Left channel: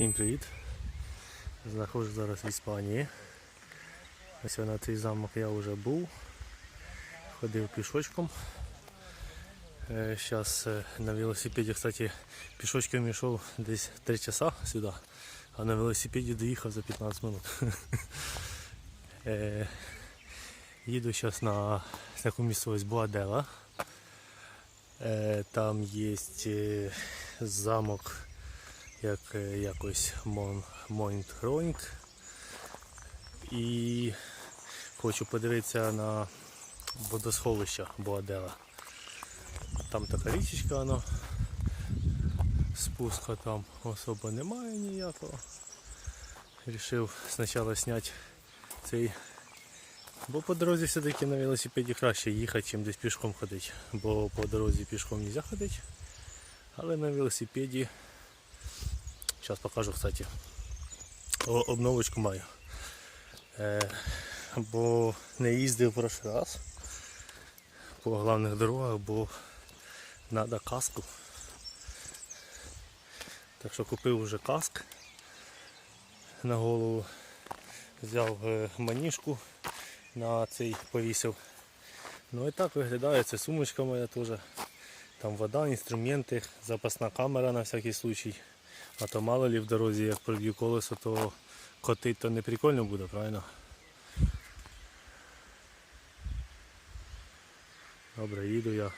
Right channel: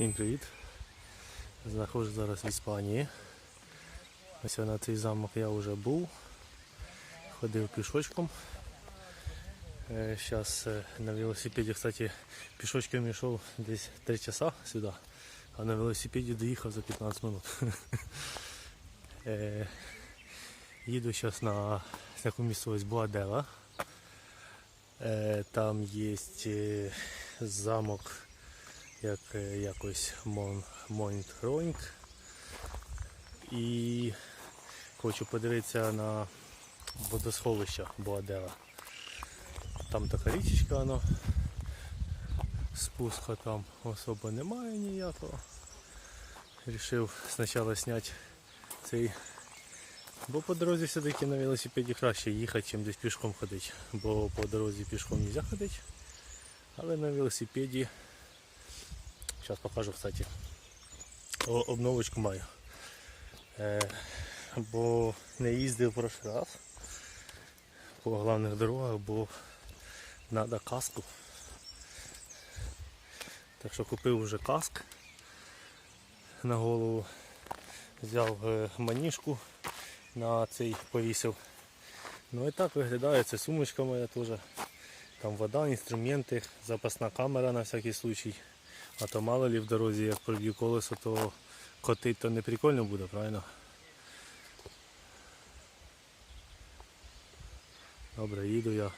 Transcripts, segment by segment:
Всім привіт! Знаходжусь зараз в Іспанії. Ось на цей замок я вже був. Ходив пішочком. Зараз на велосипеді, кстати, пішочком йшов десь 3 часа сюди, а на велосипеді доїхав за 15 минут. Е, Їду зараз на таку місцевість Буадела. Е, Там є е, замок як е, якось Мон, Монтронг. І хочу подивитися на водосховище Буадела. Там така річечка, воно. спуска там особо немає ніякого. Рішив спочатку зняти цей. Бо по дорозі все-таки на велосипеді краще їхати, ніж десь пішком ходити. Бо по дорозі пішком не можна ходити. Але на велосипеді Сейчас покажу, кстати. Обновочку маю. Е, бо не їздив в прошлий раз по головних дорогах, бо треба каску. Так що купив вже каск на голову, взяв е, маніжку на цей повісив. Ну і так виглядає, це сумочка моя теж. Там вода, інструменти, запасна камера на всякий случай. А то мало ли в дорозі, як проб'ю колесо, то котить то не прикольно буде, правильно? Добре, їду я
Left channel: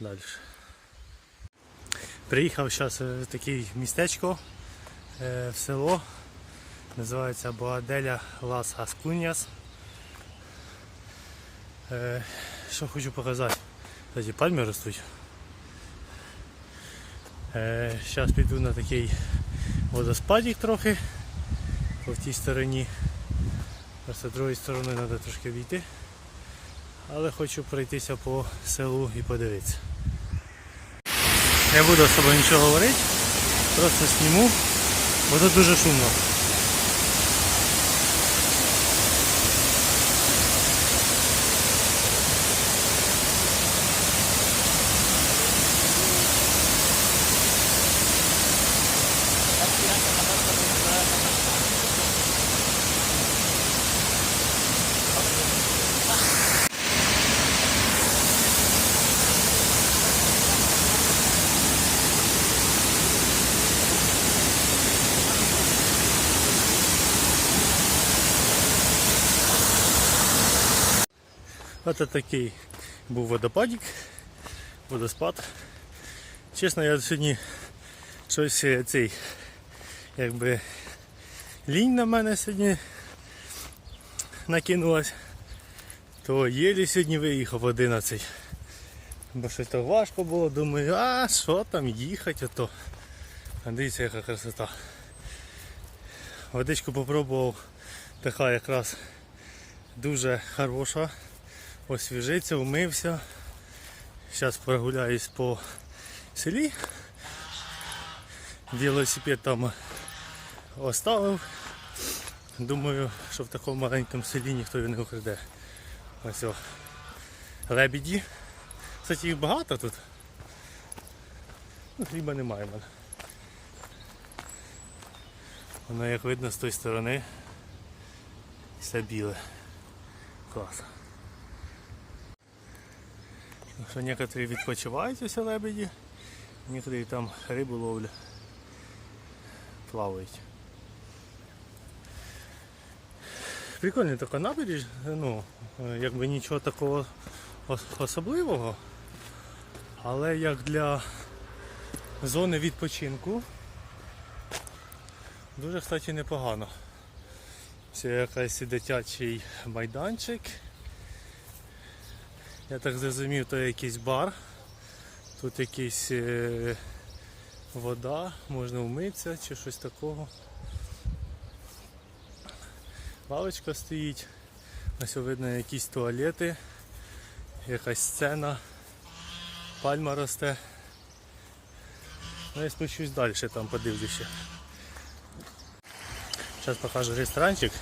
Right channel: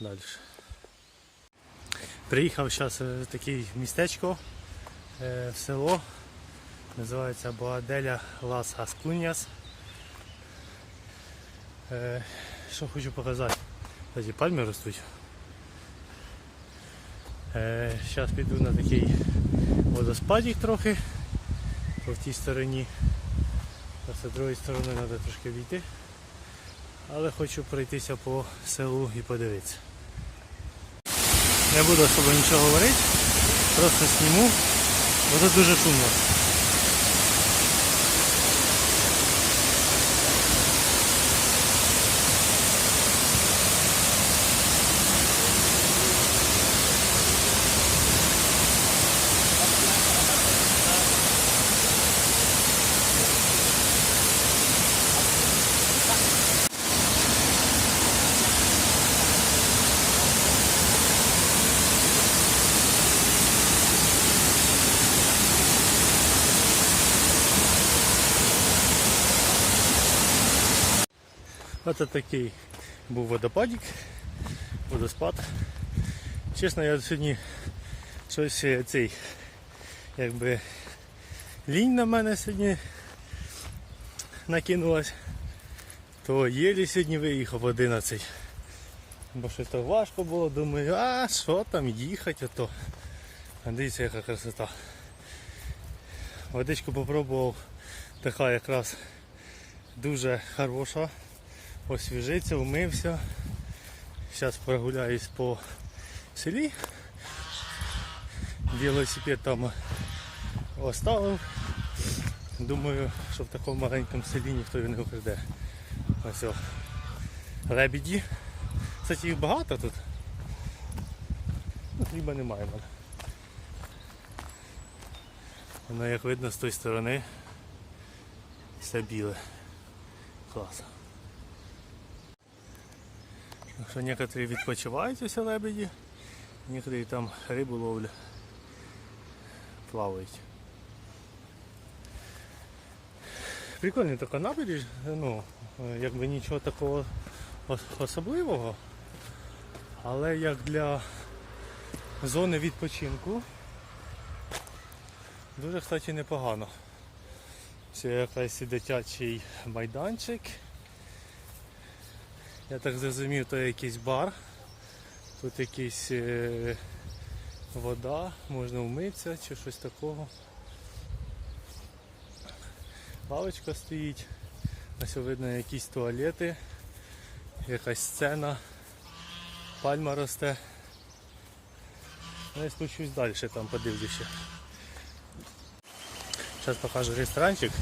далі. Приїхав зараз в таке містечко е, в село. Називається Боаделя Лас Гаскуньяс. Е, Що хочу показати? Кстати, пальми ростуть. Зараз піду на такий водоспадик трохи по тій стороні. А з другої сторони треба трошки війти. Але хочу пройтися по селу і подивитися. Не буду з собою нічого говорити, просто сніму, бо тут дуже шумно. Ось такий був водопадик, водоспад. Чесно, я сьогодні щось е, цей, якби лінь на мене сьогодні накинулась, то єлі сьогодні виїхав 11. Бо щось так важко було, думаю, а що там їхати, ото. А дивіться, яка красота. Водичку попробував, така якраз дуже хороша освіжиться, умився. Зараз прогуляюсь по селі. Велосипед там оставив. Думаю, що в такому маленькому селі ніхто його не украде. Ось о. Лебіді. Кстати, їх багато тут. Ну, хліба немає в мене. Воно як видно з тої сторони все біле. Клас. Що некоторі відпочивають ось лебеді, некоторі там рибу ловлять, плавають. Прикольний така набережна, ну, якби нічого такого особливого, але як для зони відпочинку дуже, кстати, непогано. Це якийсь дитячий майданчик. Я так зрозумів, то якийсь бар. Тут якийсь е, вода, можна вмитися чи щось такого. Лавочка стоїть, ось видно якісь туалети, якась сцена, пальма росте. Ну я спущусь далі, там подивлюся. Зараз покажу ресторанчик,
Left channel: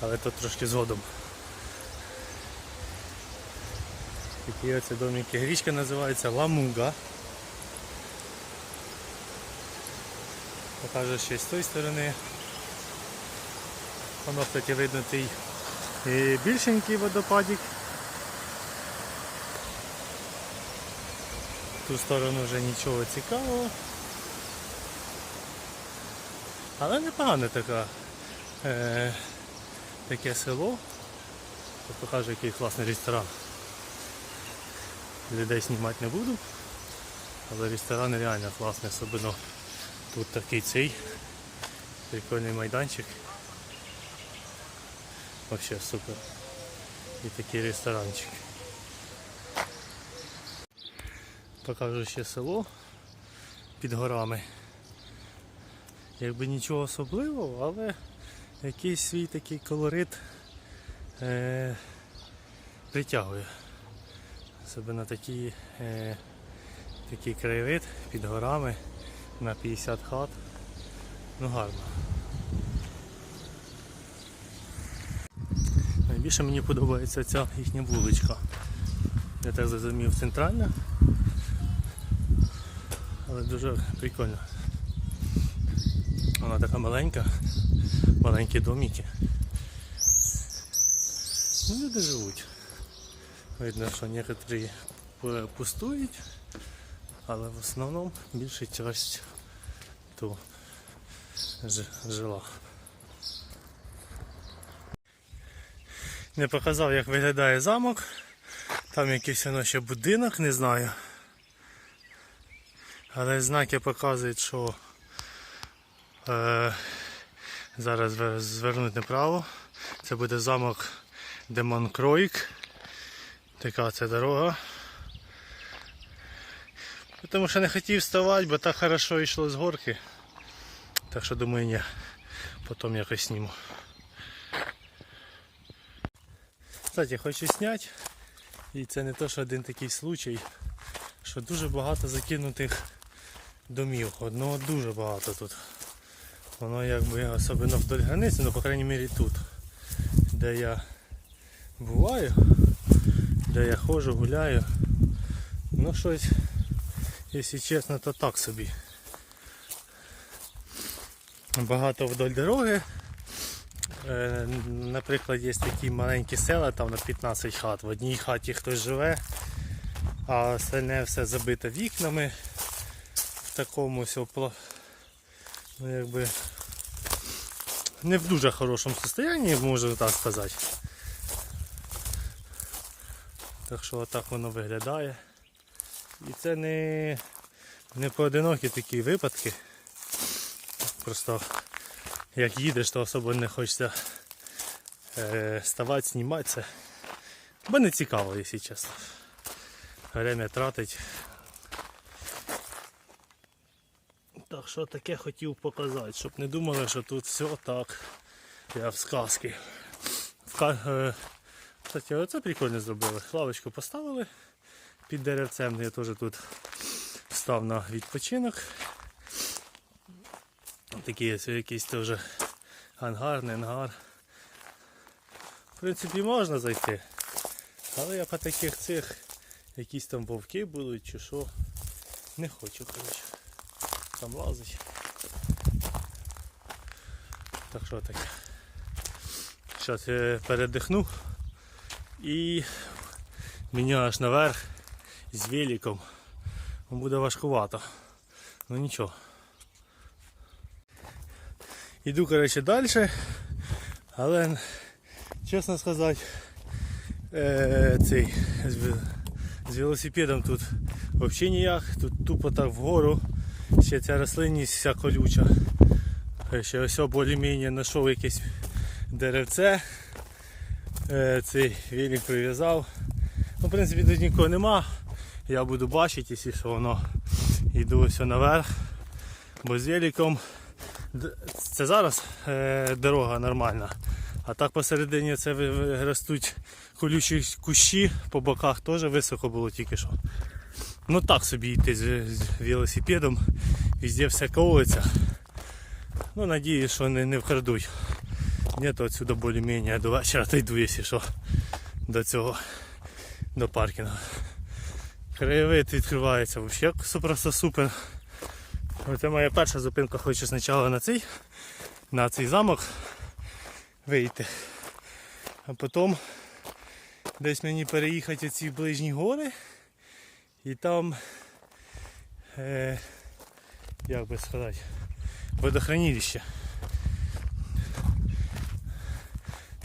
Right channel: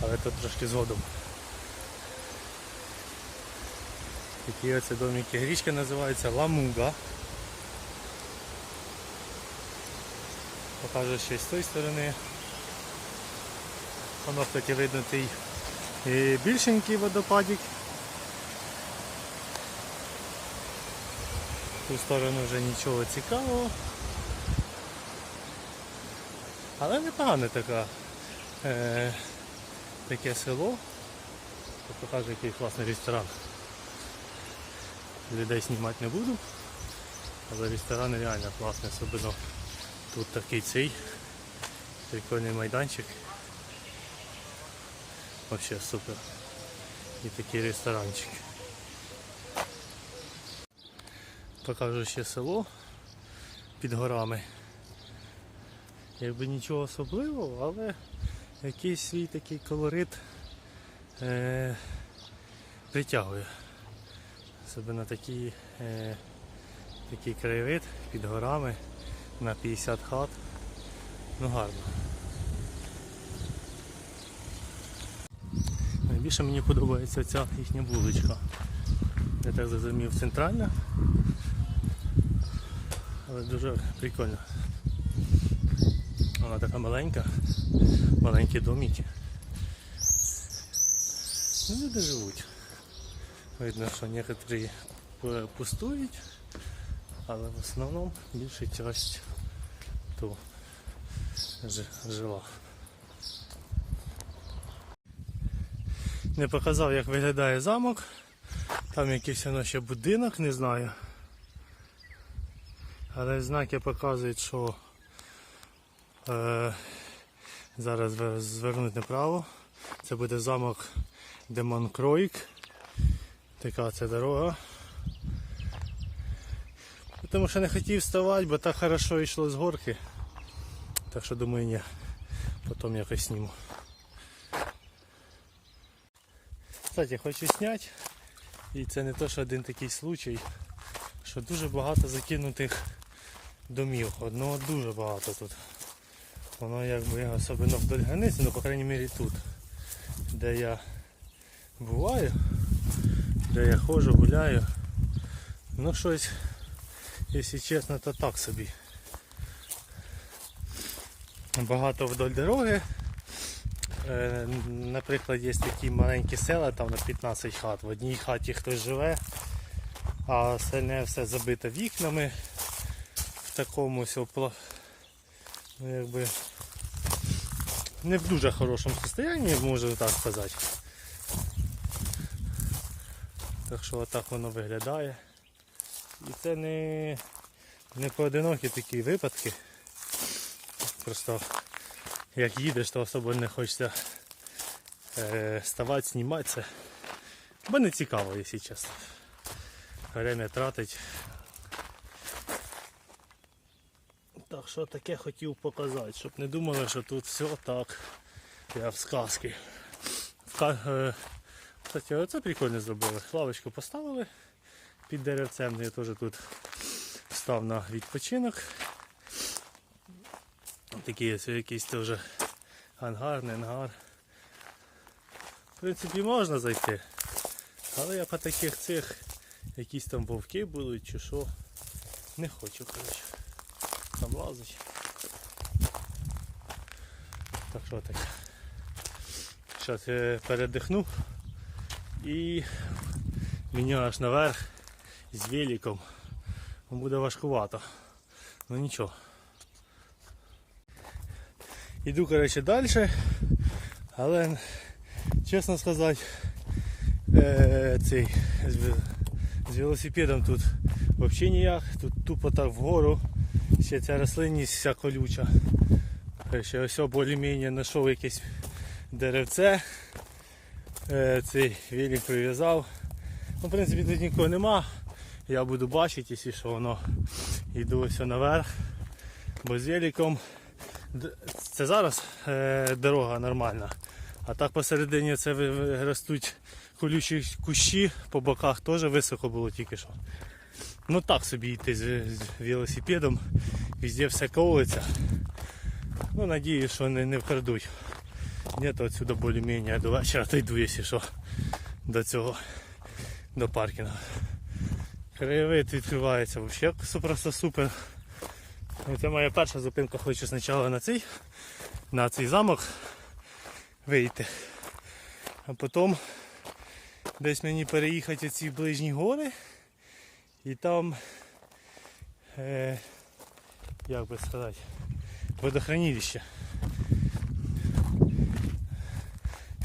але тут трошки згодом. Такі оце домики. Річка називається Ламуга. Покажу ще з тої сторони. Воно, кстати, видно той е, більшенький водопадик. Ту сторону вже нічого цікавого. Але непогане така, е, таке село. Покажу який класний ресторан. Людей знімати не буду. Але ресторан реально класний, особливо тут такий цей прикольний майданчик. Вообще супер. І такий ресторанчик. Покажу ще село під горами. Якби нічого особливого, але якийсь свій такий колорит е, притягує. Особливо такий, е, такий краєвид під горами на 50 хат. Ну гарно. Найбільше мені подобається ця їхня вуличка. Я так зрозумів центральна. Але дуже прикольно. Вона така маленька, маленькі домики. Ну, люди живуть. Видно, що некоторі пустують, але в основному більша часть то жила. Не показав, як виглядає замок. Там якийсь воно ще будинок, не знаю. Але знаки показують, що е, зараз звер- звернуть направо. Це буде замок Демонкроїк. Така це дорога. Тому що не хотів вставати, бо так хорошо йшло з горки. Так що думаю, ні. Потім якось зніму. Кстати, хочу зняти. І це не то, що один такий случай, що дуже багато закинутих домів. Одного дуже багато тут. Воно якби особливо вдоль границі, ну по крайній мірі тут, де я буваю, де я ходжу, гуляю. Ну щось, якщо чесно, то так собі. Багато вдоль дороги. Е, Наприклад, є такі маленькі села, там на 15 хат. В одній хаті хтось живе, а остальне все забито вікнами в такому. Ну, якби не в дуже хорошому стані, можу так сказати. Так що отак воно виглядає. І це не, не поодинокі такі випадки. Просто як їдеш, то особо не хочеться е, ставати, знімати це. Бо не цікаво, якщо чесно. Время тратить. Так що таке хотів показати, щоб не думали, що тут все так. Я в сказки. В е, Кстати, оце прикольно зробили. Лавочку поставили під деревцем. Я теж тут став на відпочинок. Такий ось якийсь теж ангар, не ангар. В принципі, можна зайти. Але я по таких цих якісь там вовки будуть чи що. Не хочу, коротше. Там лазить. Так що таке. Зараз я передихну і мені аж наверх з великом. Буде важкувато. Ну нічого. Іду коротше далі, але чесно сказати, е, цей, з, велосипедом тут взагалі ніяк, тут тупо так вгору, ще ця рослинність вся колюча. Е, Ще ось більш-менш знайшов якесь деревце, цей велик прив'язав. Ну, в принципі тут нікого нема, я буду бачити, якщо що воно йду ось наверх, бо з великом Це зараз е, дорога нормальна. А так посередині це ростуть колючі кущі, по боках теж високо було тільки що. Ну так собі йти з, велосипедом, везде все колиться. Ну надіюсь, що не, не вкрадуть. Ні, то отсюда більш-менш я до вечора дойду, якщо що, до цього, до паркінгу. Краєвид відкривається взагалі просто супер. Це моя перша зупинка, хочу спочатку на цей, на цей замок вийти. А потім десь мені переїхати оці ближні гори і там, е, як би сказати, водохранилище.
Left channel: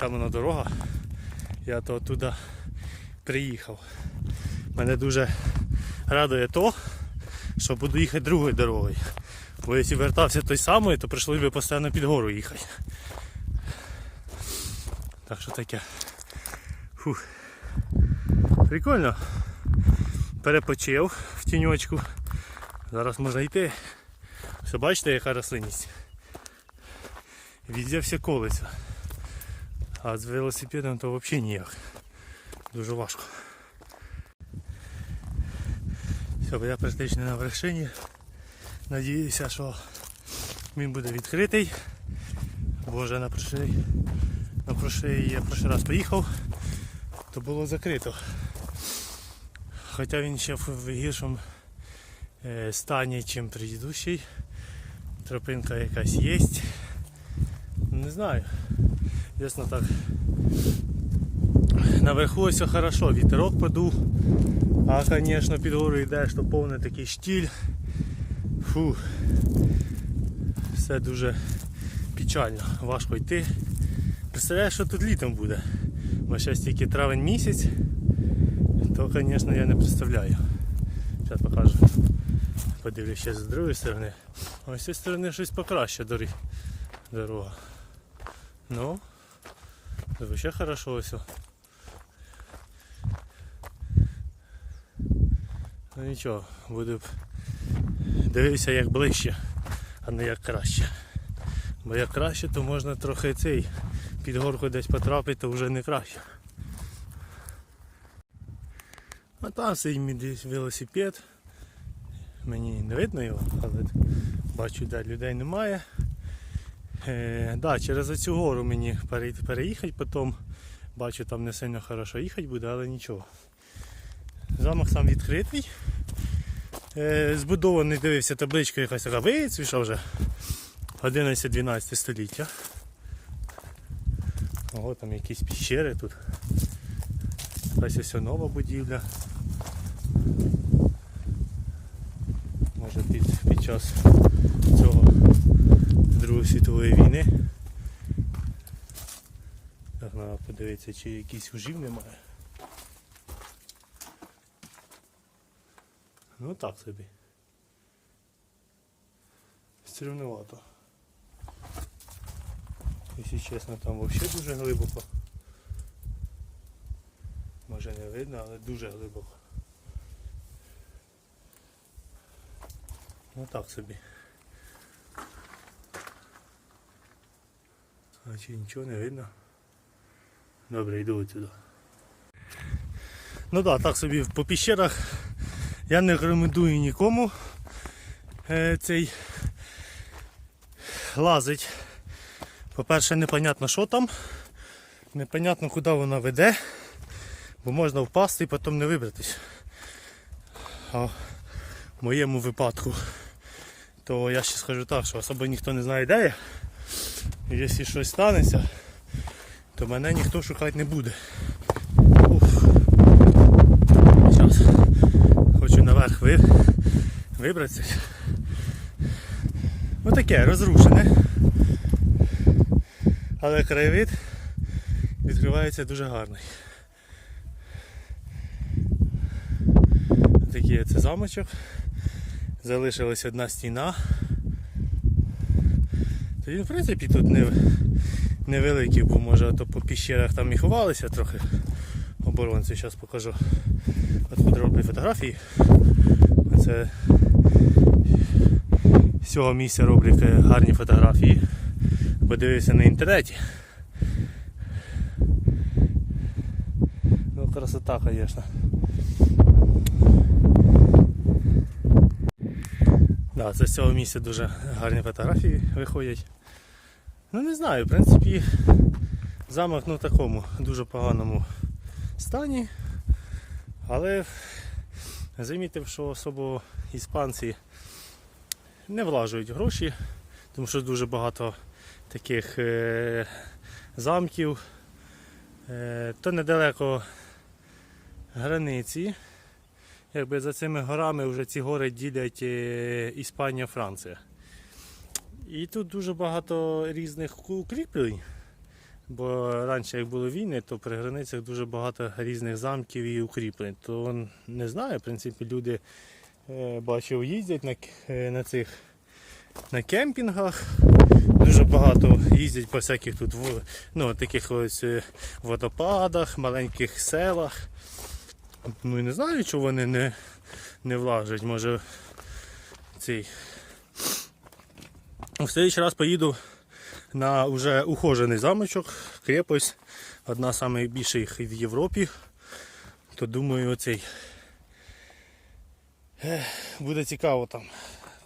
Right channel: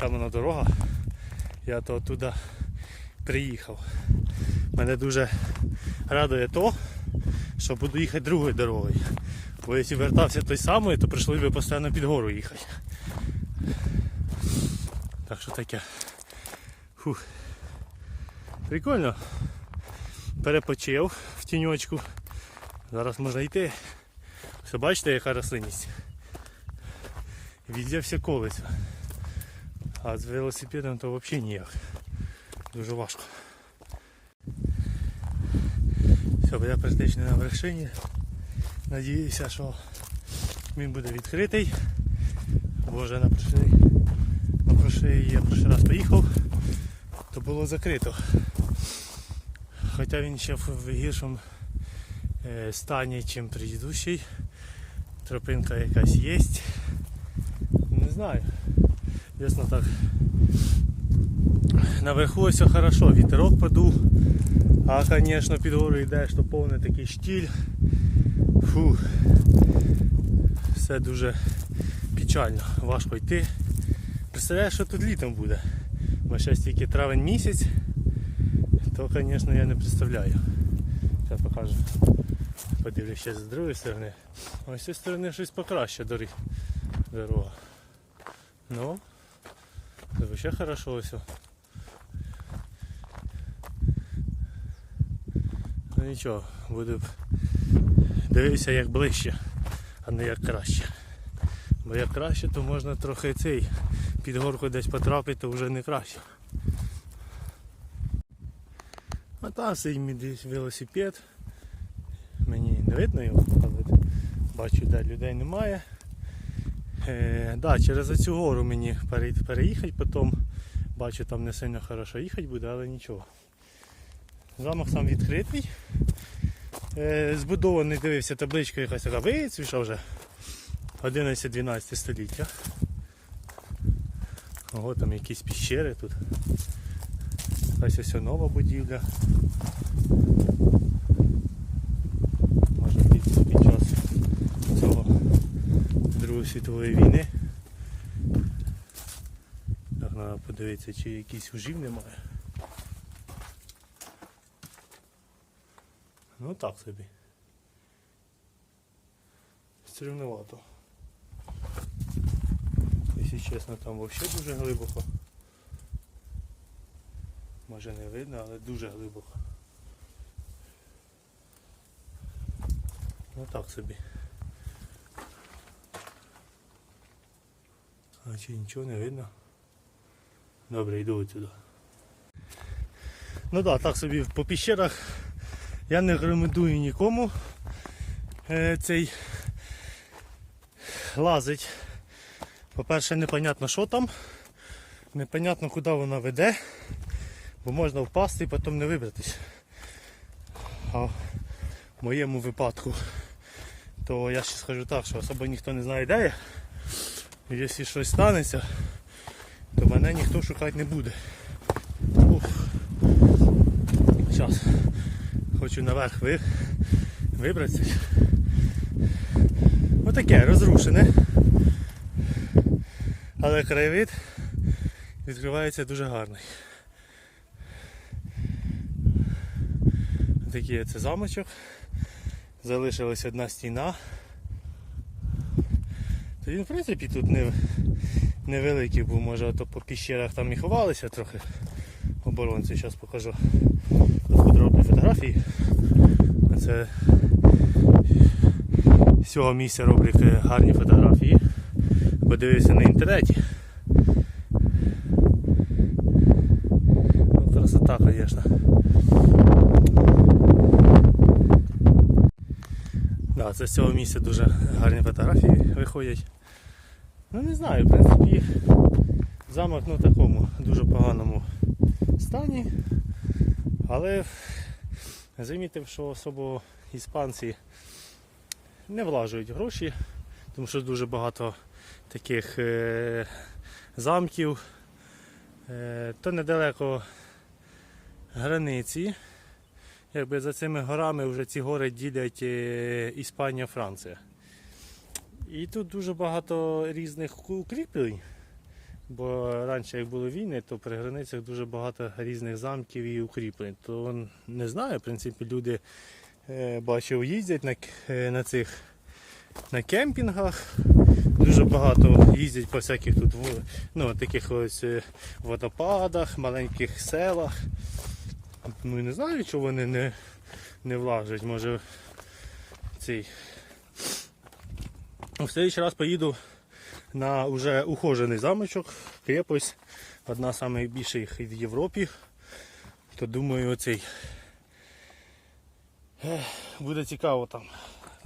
Там дорога. Я то туди приїхав. Мене дуже радує то, що буду їхати другою дорогою. Бо якщо вертався той самий, то прийшлося б постійно під гору їхати. Так що таке. Фух. Прикольно. Перепочив в тіньочку. Зараз можна йти. Все бачите, яка рослинність. Віддя все колиться. А з велосипедом то взагалі ніяк. Дуже важко. Все, я практично на вершині. Надіюся, що він буде відкритий. Бо вже на прошлий, на прошлий, я перший раз поїхав, то було закрито. Хоча він ще в гіршому е, стані, ніж предыдущий. Тропинка якась є. Не знаю. Ясно так. Наверху все хорошо, вітерок подув. А звісно під гору йдеш, то повний такий штіль. Фу. Все дуже печально, важко йти. Представляєш, що тут літом буде. Бо зараз тільки травень місяць, то звісно я не представляю. Зараз покажу. Подивлюся з другої сторони. Ось з цієї сторони щось покраще доріг. Дорога. Ну, це взагалі хорошо все. Ну нічого, буду дивитися як ближче, а не як краще. Бо як краще, то можна трохи цей під горку десь потрапити, то вже не краще. А там стоїть мій велосипед. Мені не видно його, але бачу, де людей немає. Е, да, через оцю гору мені переїхати, потім бачу там не сильно хорошо їхати буде, але нічого. Замок сам відкритий. Е, збудований, дивився, табличка якась така вицвіша вже. 11-12 століття. Ого, там якісь піщери тут. Ось ось нова будівля. Може під, під час цього Світової війни. Так, треба подивитися, чи якийсь ужів немає. Ну так собі. Стрімнувато. Якщо чесно, там взагалі дуже глибоко. Може не видно, але дуже глибоко. Ну так собі. А нічого не видно? Добре, йду отсюди. Ну так, так собі по піщерах я не рекомендую нікому е, цей лазить. По-перше, непонятно що там, непонятно куди вона веде, бо можна впасти і потім не вибратись. А в моєму випадку, то я ще скажу так, що особо ніхто не знає де я. Якщо щось станеться, то мене ніхто шукати не буде. Уф. Зараз хочу наверх ви... вибратися. Ну таке розрушене. Але краєвид відкривається дуже гарний. Такий це замочок. Залишилась одна стіна. То він в принципі тут не, невеликий був, може то по піщерах там і ховалися трохи оборонці. Зараз покажу подробні фотографії. Це з цього місця роблять е, гарні фотографії. Подивився на інтернеті. Ну, красота, звісно. Да, це з цього місця дуже гарні фотографії виходять. Ну не знаю, в принципі, замок ну, в такому дуже поганому стані. Але замітив, що особо іспанці не влажують гроші, тому що дуже багато таких е, замків. Е, то недалеко границі. Якби за цими горами вже ці гори ділять е, Іспанія, Франція. І тут дуже багато різних укріплень. Бо раніше, як були війни, то при границях дуже багато різних замків і укріплень. То не знаю, в принципі, люди е, бачив, їздять на, е, на цих на кемпінгах. Дуже багато їздять по всяких тут ну, таких ось водопадах, маленьких селах. Ну і не знаю, чого вони не, не влажать. Може цей. В следующий раз поїду на вже ухожений замочок, крепость, одна з найбільших в Європі. То думаю, оцей буде цікаво там.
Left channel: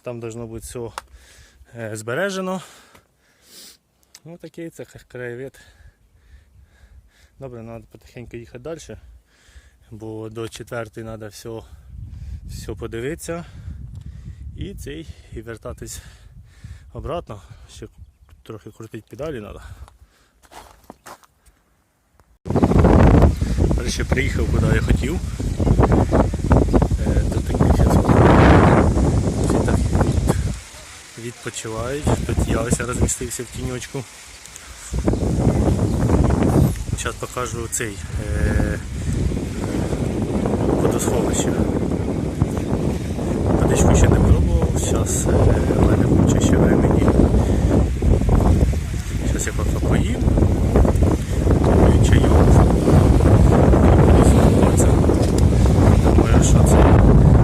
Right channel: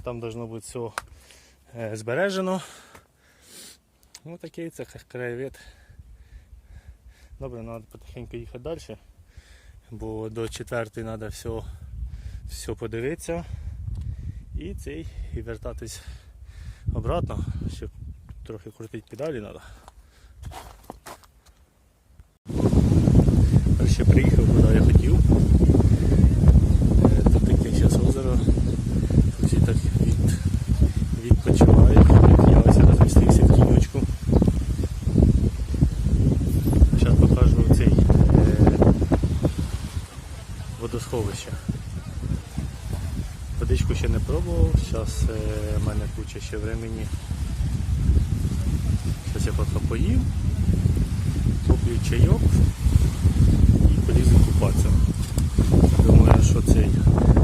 Там должно бути все збережено. Ось такий це краєвид. Добре, треба потихеньку їхати далі, бо до четвертої треба все, все подивитися і цей і вертатись обратно. Ще трохи крутити педалі треба. Ще приїхав, куди я хотів. Е, Тут такі зараз всі так від, відпочивають. Тут я ось розмістився в тіньочку. Зараз покажу цей е. Водичку ще не пробував, зараз е, в мене куча ще времени. Зараз я поки поїм, поп'ю чайок і буду купатися. Думаю, що це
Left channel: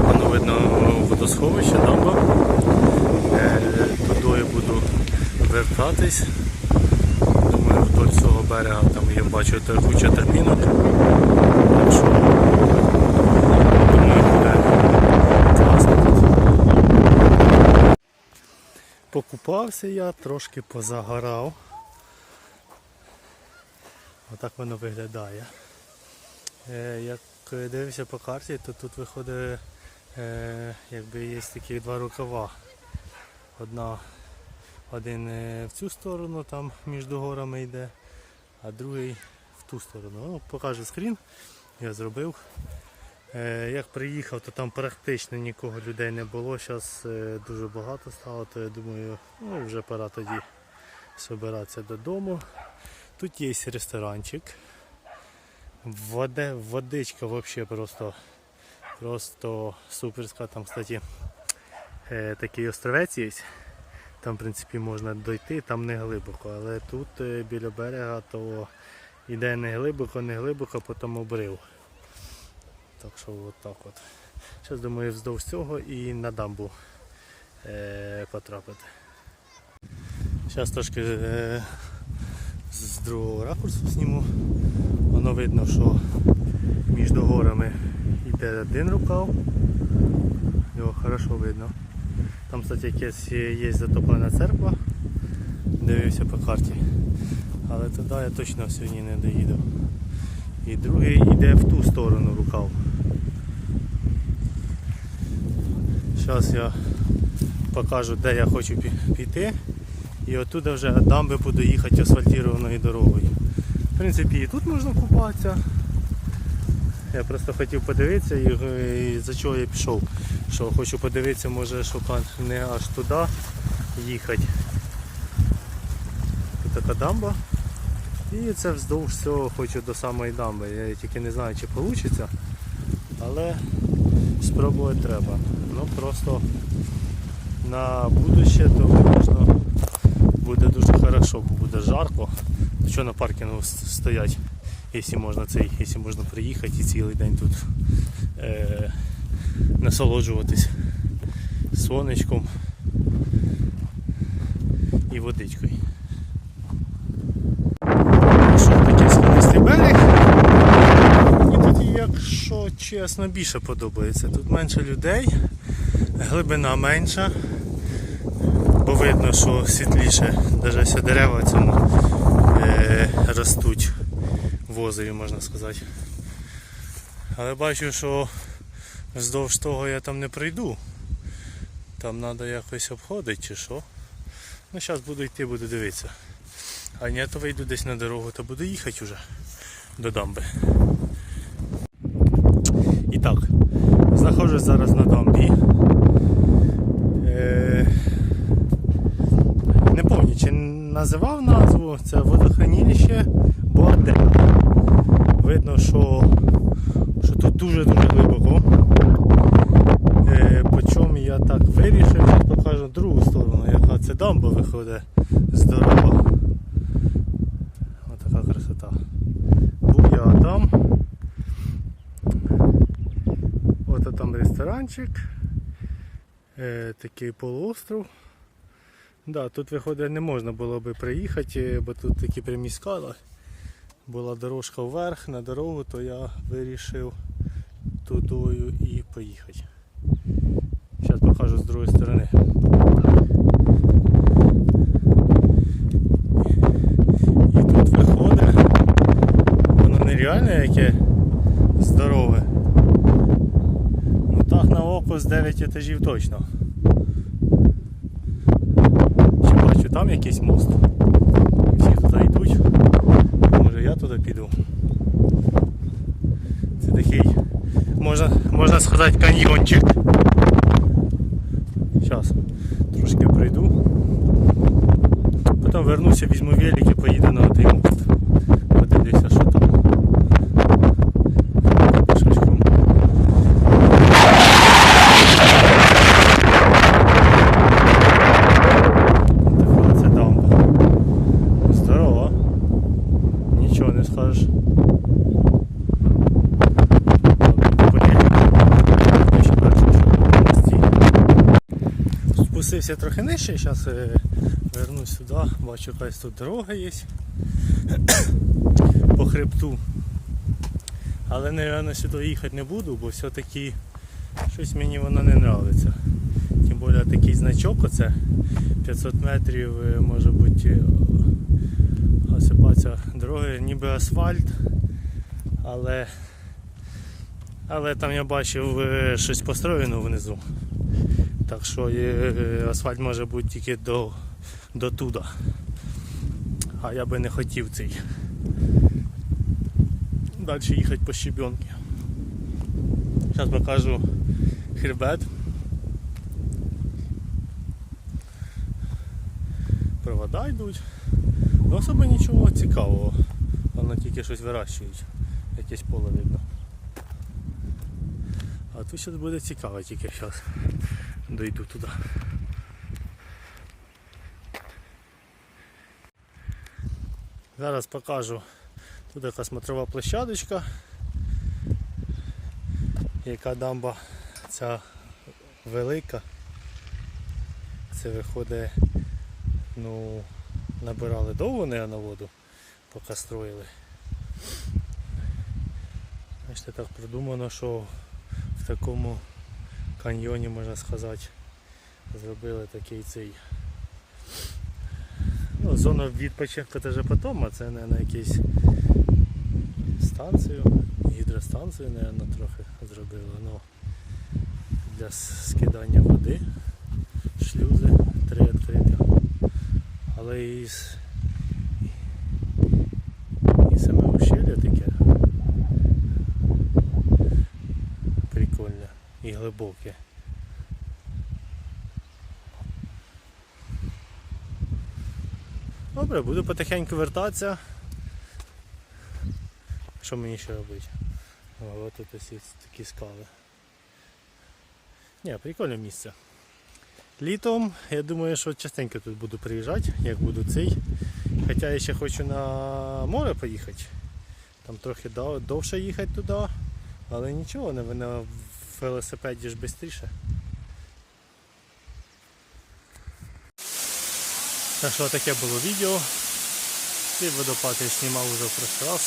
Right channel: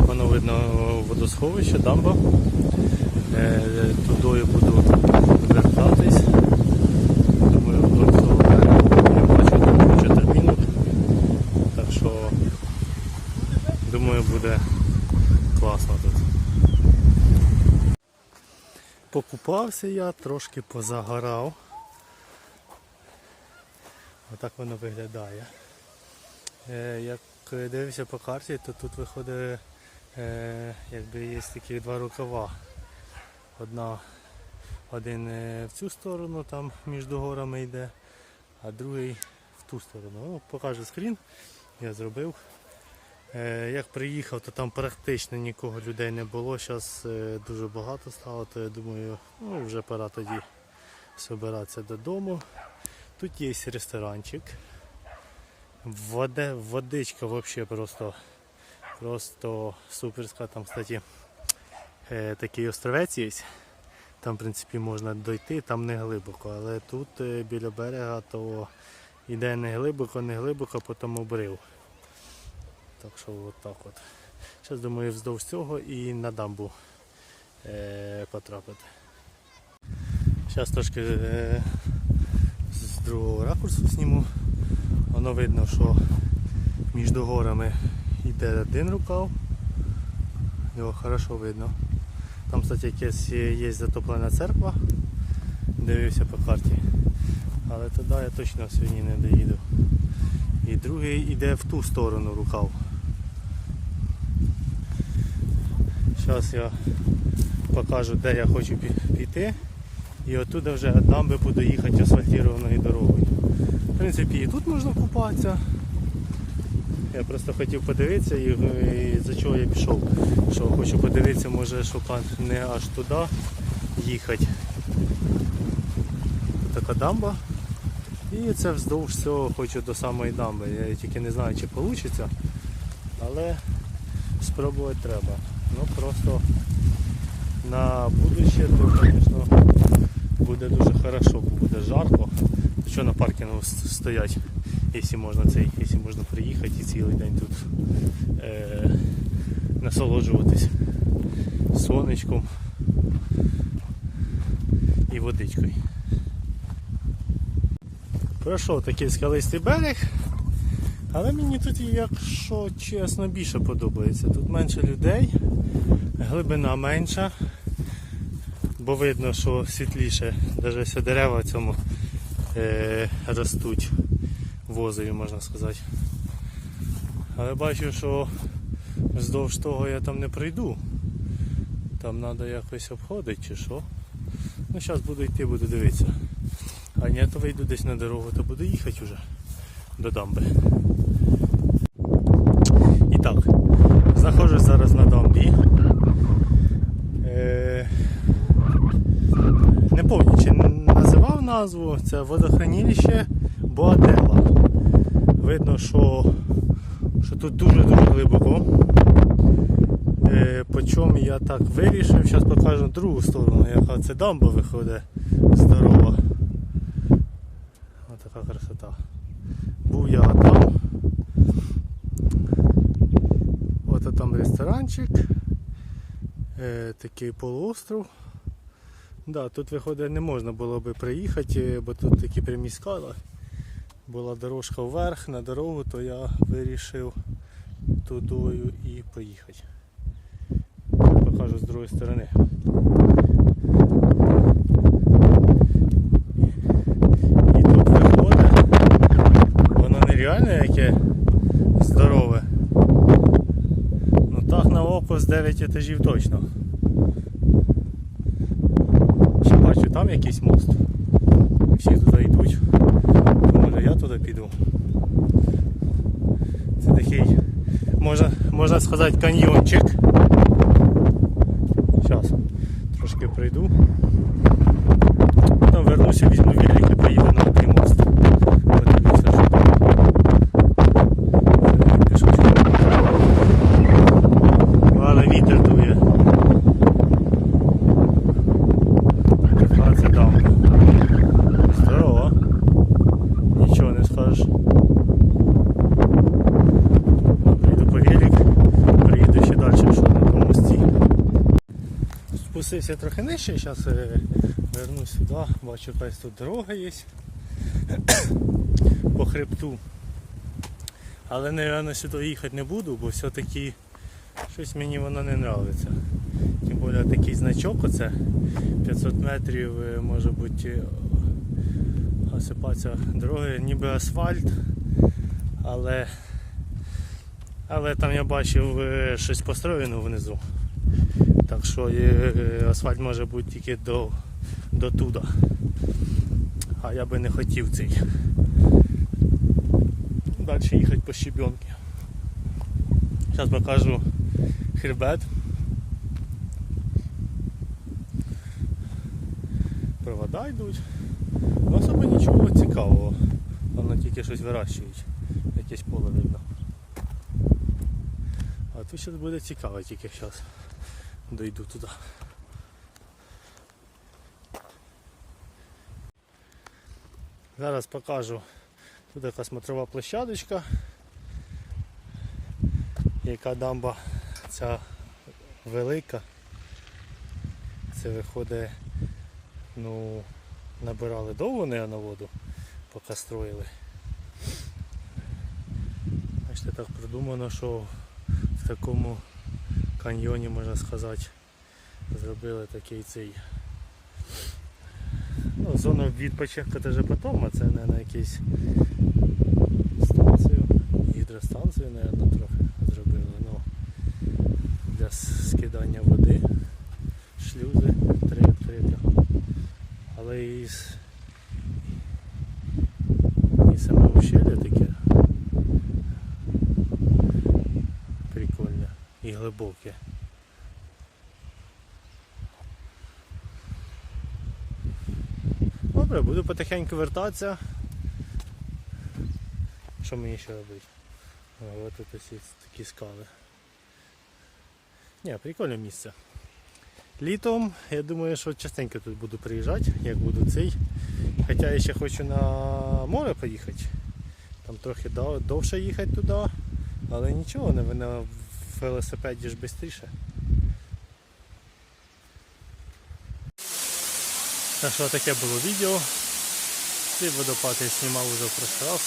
воно видно водосховище, дамба. Е, Туди я буду вертатись. Думаю, вдоль цього берега я бачу де куча терпінок. Так що думаю буде класно тут. Покупався я, трошки позагорав. Отак воно виглядає. Е, як дивився по карті, то тут виходить, е, якби є такі два рукава. Одна, один е, в цю сторону, там між горами йде, а другий в ту сторону. Ну, покажу скрін, я зробив. Е, Як приїхав, то там практично нікого людей не було. Зараз дуже багато стало, то я думаю, ну вже пора тоді збиратися додому. Тут є ресторанчик. Воде, водичка взагалі просто, просто суперська. Там, кстати, е, такий островець є. Там, в принципі, можна дойти, там не глибоко, але тут е, біля берега то йде не глибоко, не глибоко, потім обрив. Так що от так от. Зараз думаю вздовж цього і на дамбу е, потрапити. Зараз трошки е, з другого ракурсу зніму. Воно видно, що між горами йде один рукав. Його хорошо видно. Там, кстати, якась є затоплена церква. Дивився по карті. Але туди я точно сьогодні не доїду. І другий йде в ту сторону рукав. Зараз я покажу, де я хочу піти. І оттуда вже дамби буду їхати асфальтованою дорогою. В принципі, і тут можна купатися. Я просто хотів подивитися і, і за чого я пішов. Що хочу подивитися, може, щоб не аж туди їхати. Тут така дамба. І це вздовж всього хочу до самої дамби. Я тільки не знаю, чи вийде, але спробувати треба. Ну просто на будущее то, звісно, буде дуже хорошо, бо буде жарко. Що на паркінгу стоять, якщо можна цей, якщо можна приїхати і цілий день тут е, насолоджуватись сонечком і водичкою. Ну що, такий скалистий берег. Якщо чесно, більше подобається. Тут менше людей, глибина менша, бо видно, що світліше, навіть дерева цьому е, ростуть в озері, можна сказати. Але бачу, що вздовж того я там не пройду. Там треба якось обходити чи що. Ну зараз буду йти, буду дивитися. А ні, то вийду десь на дорогу, то буду їхати вже до дамби. Так, знаходжусь зараз на дамбі. Е, не пам'ятаю, чи називав назву, це водохранилище Боадела. Видно, що, що тут дуже-дуже глибоко. Е, по чому я так вирішив, зараз покажу другу сторону, яка це дамба виходить здорова. Ось така красота. Був я там. Ото ресторанчик. Е, такий полуостров. Да, тут виходить не можна було би приїхати, бо тут такі прямі скали. Була дорожка вверх на дорогу, то я вирішив тудою і поїхати. Зараз покажу з другої сторони. І тут виходить, воно нереальне яке здорове. Так на з 9 етажів точно. Ще бачу там якийсь мост. Всі туди йдуть. Може я туди піду. Це такий, можна, можна сказати, каньйончик. Зараз трошки пройду. Потім вернуся, візьму велик і поїду на той мост. Подивлюся, що там. Що ж там. Така це дамба. Здорово. Нічого не скажеш. Йду по велику. Йду ще далі, що на мості. Спустився трохи нижче, зараз вернусь сюди, бачу якась тут дорога є по хребту. Але наверное, сюди їхати не буду, бо все-таки щось мені воно не подобається. Тим більше такий значок оце 500 метрів е, може бути е, осипатися дороги, ніби асфальт, але, але там я бачив е, щось построєно внизу. Так що е, асфальт може бути тільки до, до туди. А я би не хотів цей. Далі їхати по щебенки. Зараз покажу хребет. Провода йдуть. Ну особо нічого цікавого. Воно тільки щось вирощують. Якесь поле видно. А тут щось буде цікаво, тільки зараз дойду туди. Зараз покажу. Тут така смотрова площадочка. Яка дамба ця велика. Це виходить, ну, набирали довго не на воду, поки строїли. Бачите, так продумано, що в такому каньйоні, можна сказати, зробили такий цей ну, зона відпочинку це вже потім, а це не на якийсь станцію, гідростанцію, мабуть, трохи зробили. Ну, для скидання води, шлюзи три відкриті. Але і, і саме ущелля таке прикольне і глибоке. Добре, буду потихеньку вертатися. Що мені ще робити? От тут ось такі скали. Ні, прикольне місце. Літом, я думаю, що частенько тут буду приїжджати, як буду цей. Хоча я ще хочу на море поїхати. Там трохи довше їхати туди, але нічого, не велосипеді ж швидше. Так що таке було відео. Цей водопад я знімав уже в прошлый раз.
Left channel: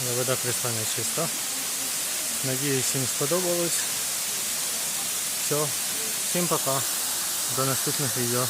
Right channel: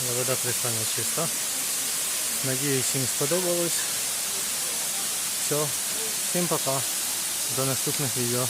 Але Вода кристально чиста. Надіюсь, всім сподобалось. Все, всім пока. До наступних відео.